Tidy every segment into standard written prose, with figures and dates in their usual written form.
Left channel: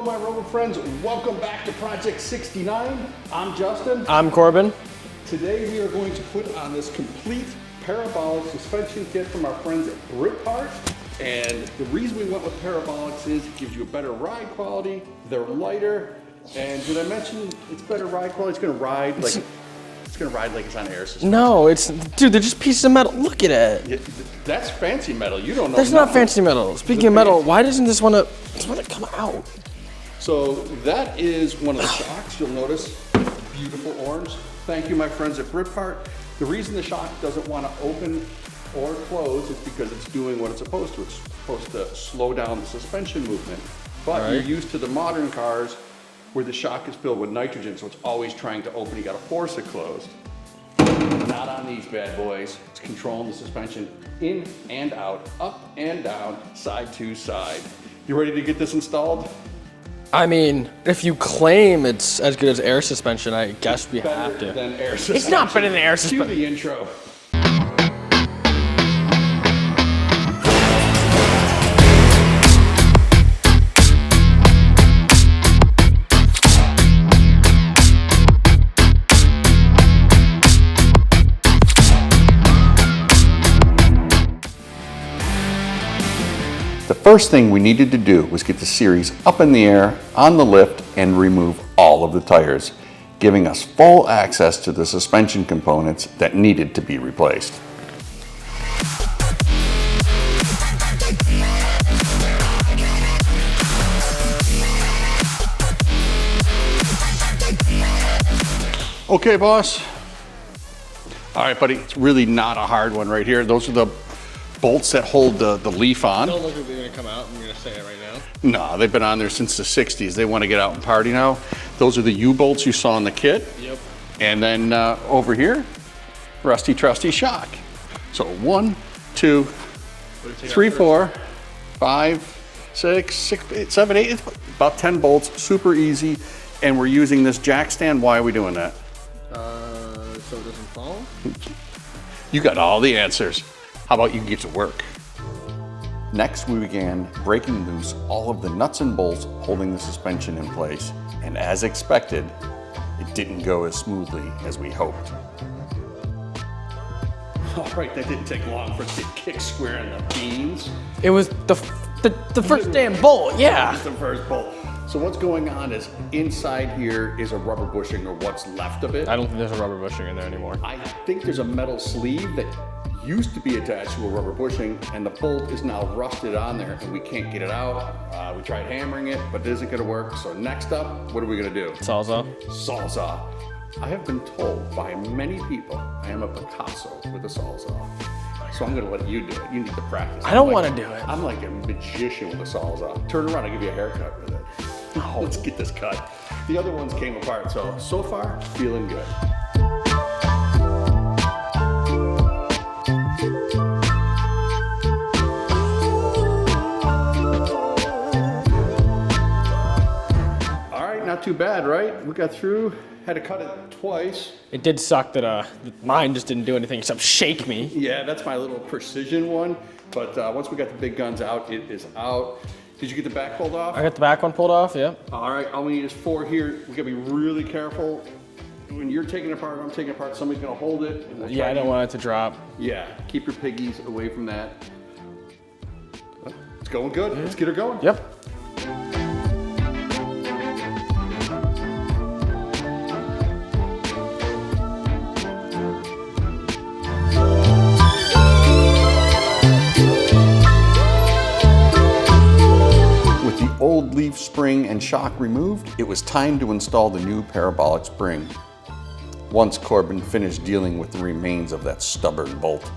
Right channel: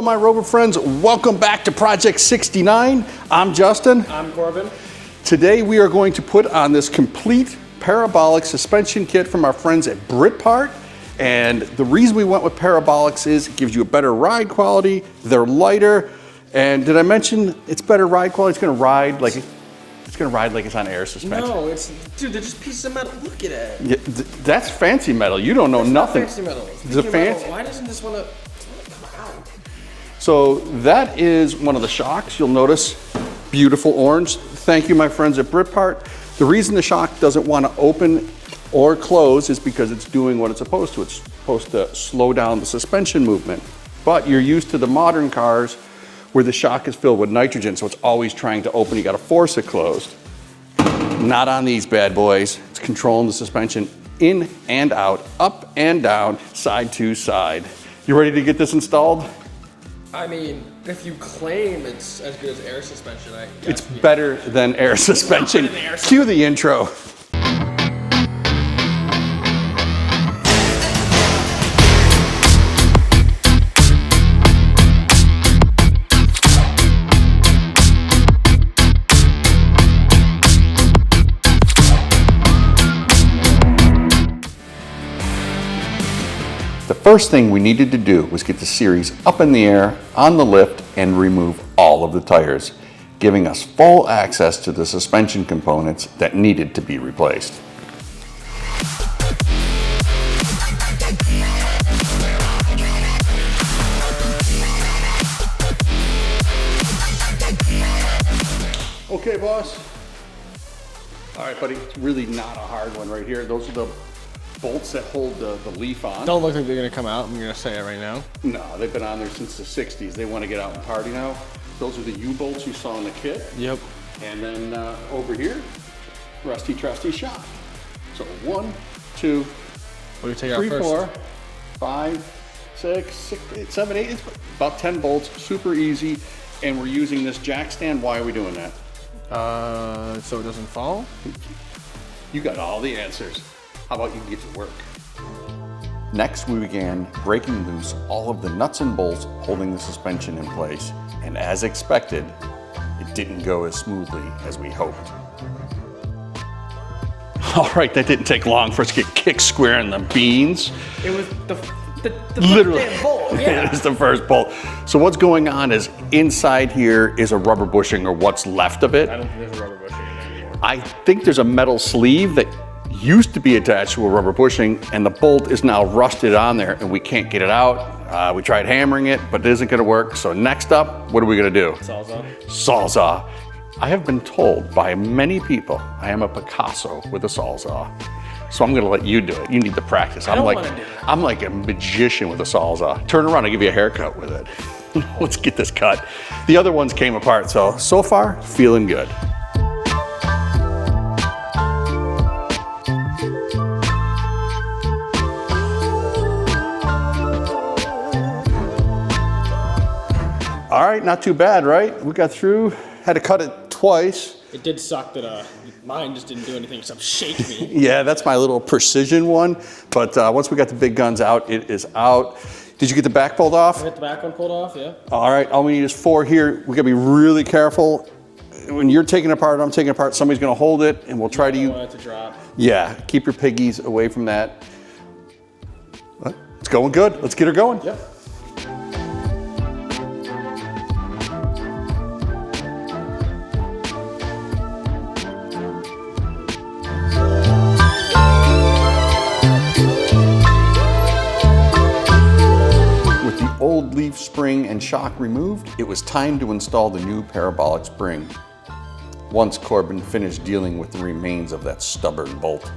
Hello, my Rover friends. Welcome back to Project 69. I'm Justin. I'm Corbin. Today we are going to put on this complete parabolic suspension kit from our friends at Britpart. And the reason we went with parabolics is it gives you a better ride quality, they're lighter, and did I mention it's better ride quality? It's gonna ride like it's on air suspension. No, dude, they're just pieces of metal. Look at it. Yeah, that's fancy metal. You don't know That's nothing. not fancy metal. Speaking of metal, why doesn't this want to come out? So that is one of the shocks. You'll notice beautiful orange. Thank you, my friends at Britpart. The reason the shock doesn't want to open or close is because it's doing what it's supposed to. It's supposed to slow down the suspension movement. But you're used to the modern cars where the shock is filled with nitrogen, so it's always trying to open. You got to force it closed. Not on these bad boys. It's controlling the suspension in and out, up and down, side to side. You ready to get this installed? I mean, if you claim it's as good as air suspension, I guess It's better than air suspension. It's not better than air suspension. Cue the intro. The first thing we needed to do was get the Series up in the air on the lift and remove all of the tires, giving us full access to the suspension components that needed to be replaced. Okay, boss. All right, buddy, it's really not a hard one right here. Those are the bolts that hold the leaf on. Don't look like they're gonna come out. I'm gonna say it right now. No, they've been on there since the 60s. They want to get out and party now. Those are the U-bolts you saw in the kit. Yep. And then over here, rusty trusty shock. So 1, 2, 3, 4, 5, 6, 8, 7, 8, about 10 bolts, super easy. And we're using this jack stand. Why are we doing that? So it doesn't fall? You got all the answers. How about you get to work? Next, we began breaking loose all of the nuts and bolts holding the suspension in place. And as expected, it didn't go as smoothly as we hoped. All right, that didn't take long for us to get kick square in the beans. It was the first damn bolt, yeah. It was the first bolt. So what's going on is inside here is a rubber bushing, or what's left of it. I don't think there's a rubber bushing in there anymore. I think there's a metal sleeve that used to be attached to a rubber bushing, and the bolt is now rusted on there and we can't get it out. We tried hammering it, but it isn't gonna work. So next up, what are we gonna do? Sawzall. Sawzall. I have been told by many people I am a Picasso with a Sawzall. So I'm gonna let you do it. You need to practice. I don't wanna do it. I'm like a magician with a Sawzall. Turn around, I'll give you a haircut with it. Let's get this cut. The other ones came apart, so far, feeling good. All right, not too bad, right? We got through, had to cut it twice. It did suck that mine just didn't do anything except shake me. Yeah, that's my little precision one. But once we got the big guns out, it is out. Did you get the back pulled off? I got the back one pulled off, yeah. All right, all we need is 4 here. We gotta be really careful. When you're taking it apart, I'm taking it apart, somebody's gonna hold it and we'll try I to don't want it to drop. Yeah, keep your piggies away from that. It's going good, let's get her going. Yep. Old leaf spring and shock removed, it was time to install the new parabolic spring. Once Corbin finished dealing with the remains of that stubborn bolt.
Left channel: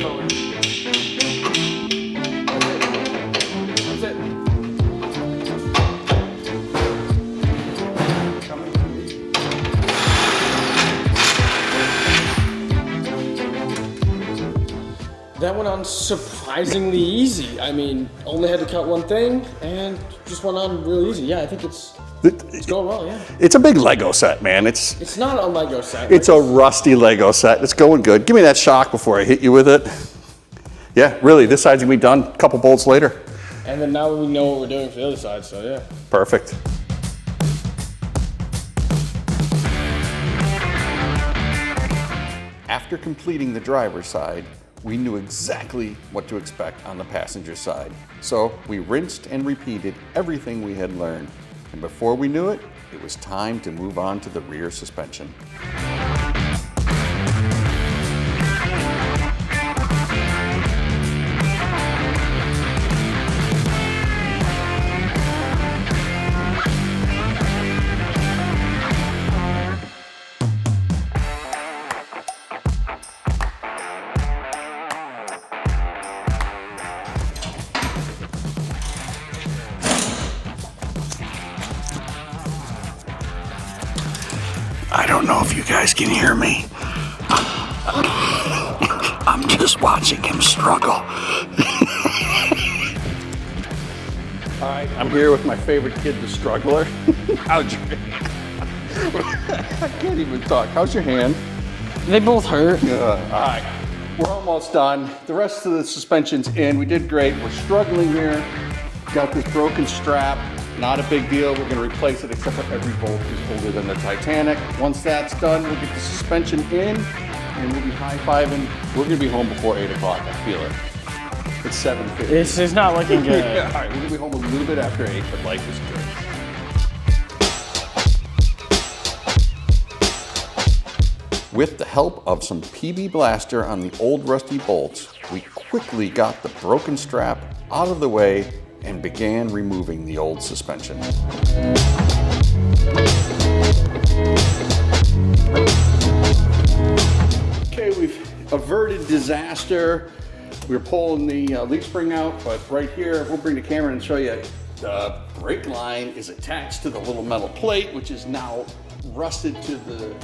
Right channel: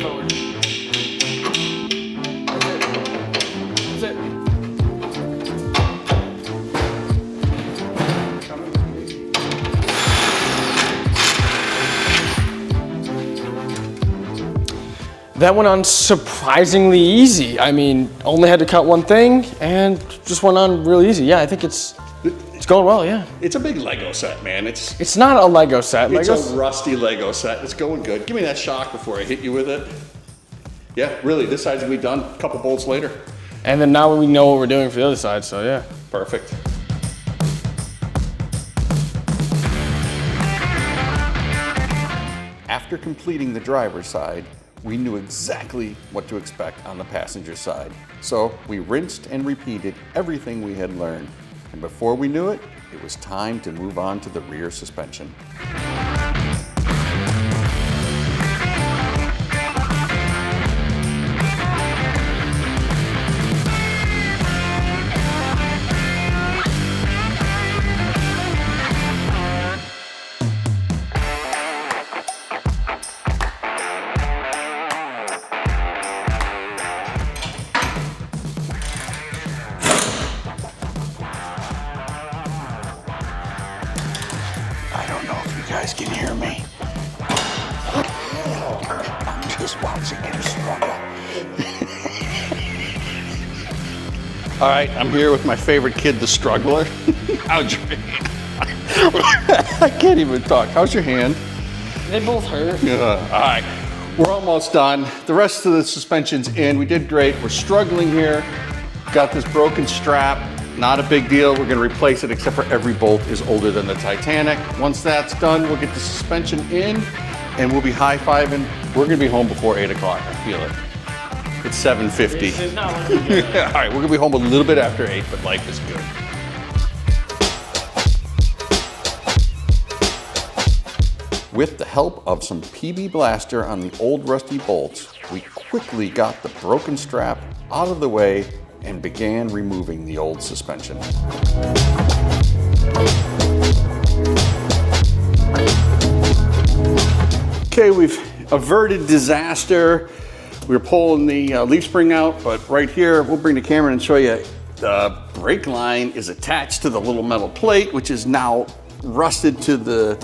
Lean forward. That's it. That went on surprisingly easy. I mean, only had to cut one thing and just went on real easy. Yeah, I think it's going well, yeah. It's a big Lego set, man. It's not a Lego set. a rusty Lego set. It's going good. Give me that shock before I hit you with it. Yeah, really, this side's gonna be done a couple bolts later. And then now we know what we're doing for the other side, so yeah. Perfect. After completing the driver's side, we knew exactly what to expect on the passenger side. So we rinsed and repeated everything we had learned. And before we knew it, it was time to move on to the rear suspension. I don't know if you guys can hear me. I'm just watching him struggle. All right, I'm here with my favorite kid, the struggler. How's your hand? I can't even talk. How's your hand? They both hurt. All right, we're almost done. The rest of the suspension's in. We did great. We're struggling here. Got this broken strap. Not a big deal. We're gonna replace it, except for every bolt is older than the Titanic. Once that's done, we'll get the suspension in and we'll be high-fiving. We're gonna be home before 8 o'clock, I feel it. It's 7:50. This is not looking good. All right, we're gonna be home a little bit after 8, but life is good. With the help of some PB Blaster on the old rusty bolts, we quickly got the broken strap out of the way and began removing the old suspension. Okay, we've averted disaster. We were pulling the leaf spring out, but right here, we'll bring the camera in and show you the brake line is attached to the little metal plate, which is now rusted to the...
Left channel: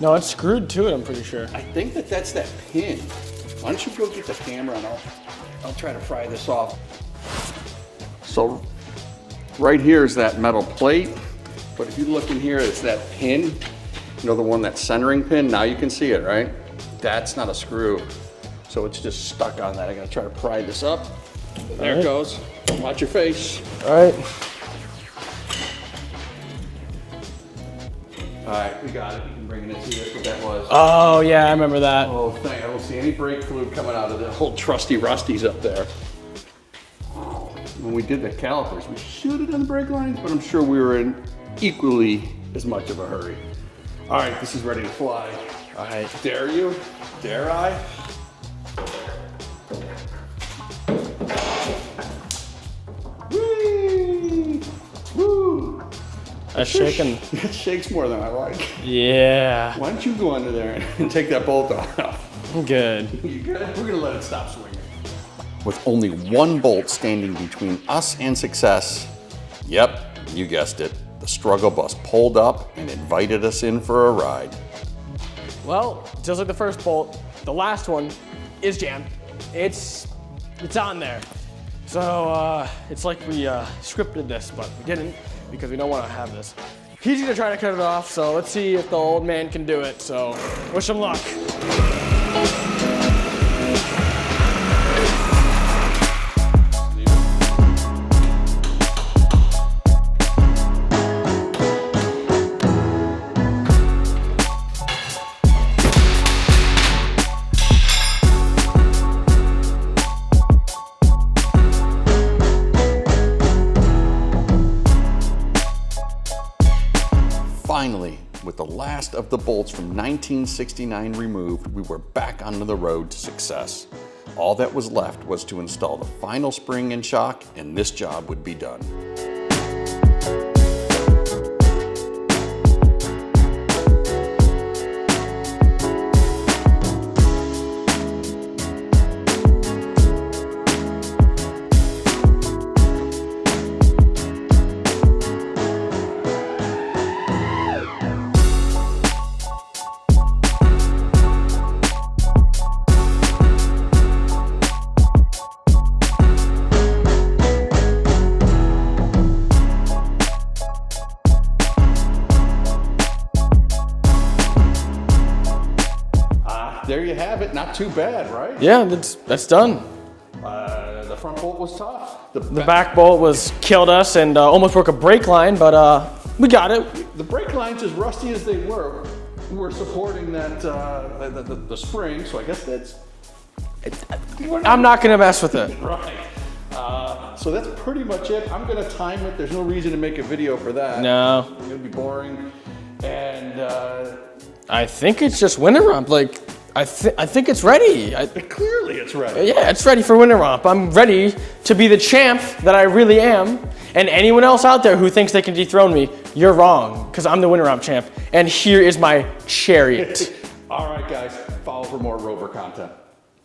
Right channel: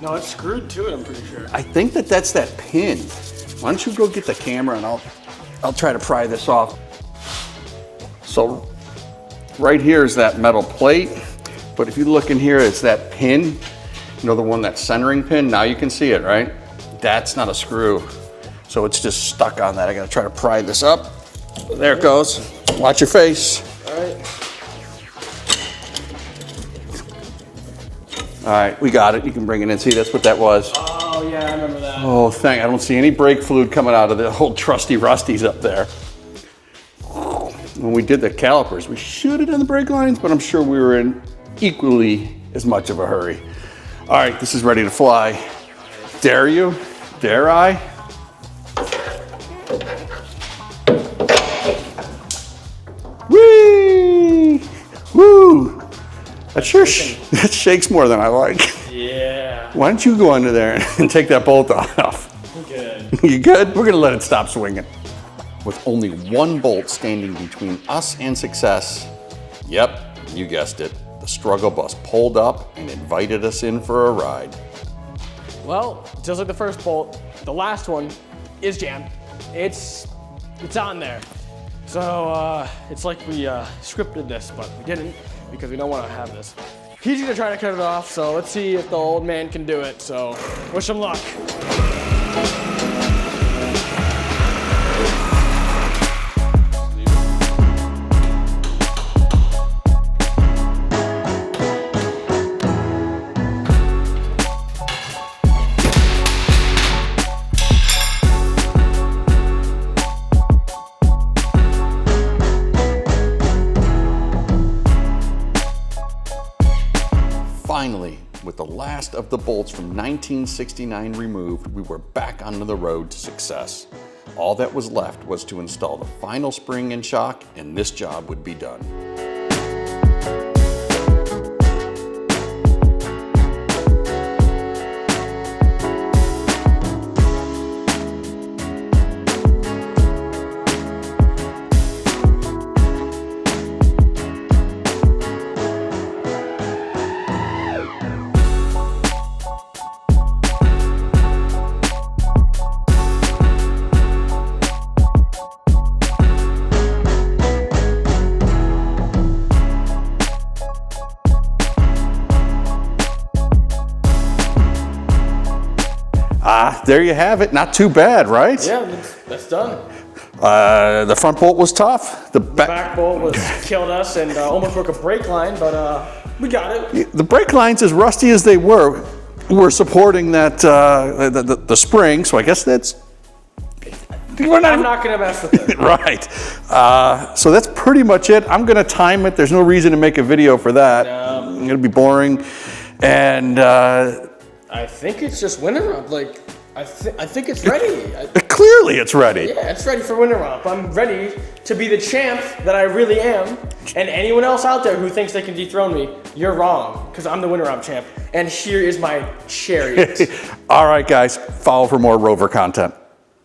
No, it's screwed to it, I'm pretty sure. I think that's that pin. Why don't you go get the camera and I'll try to pry this off. So right here is that metal plate, but if you look in here, it's that pin, you know, the one, that centering pin. Now you can see it, right? That's not a screw. So it's just stuck on that. I gotta try to pry this up. There it goes. Watch your face. All right. All right, we got it. You can bring it in. See, that's what that was. Oh yeah, I remember that. Oh, I don't see any brake fluid coming out of the whole trusty rusties up there. When we did the calipers, we should have done the brake lines, but I'm sure we were in equally as much of a hurry. All right, this is ready to fly. All right. Dare you? Dare I? Whee! Woo! That shakes more than I like. Yeah. Why don't you go under there and take that bolt off? I'm good. You good? We're gonna let it stop swinging. With only one bolt standing between us and success, yep, you guessed it, the struggle bus pulled up and invited us in for a ride. Well, just like the first bolt, the last one is jammed. It's on there. So it's like we scripted this, but we didn't because we don't want to have this. He's gonna try to cut it off, so let's see if the old man can do it. So wish him luck. Finally, with the last of the bolts from 1969 removed, we were back onto the road to success. All that was left was to install the final spring and shock, and this job would be done. there you have it. Not too bad, right? Yeah, that's done. The front bolt was tough. The Back bolt was killed us and almost broke a brake line, but we got it. The brake lines, as rusty as they were supporting that the spring. So I guess that's. I'm not gonna mess with it. Right. So that's pretty much it. I'm gonna time it. There's no reason to make a video for that. No. It'll be boring. And I think it's just Winter Romp. Like, I think it's ready. clearly it's ready. Yeah, it's ready for Winter Romp. I'm ready to be the champ that I really am. And anyone else out there who thinks they can dethrone me, you're wrong, because I'm the Winter Romp champ. And here is my chariot. All right, guys, follow for more Rover content.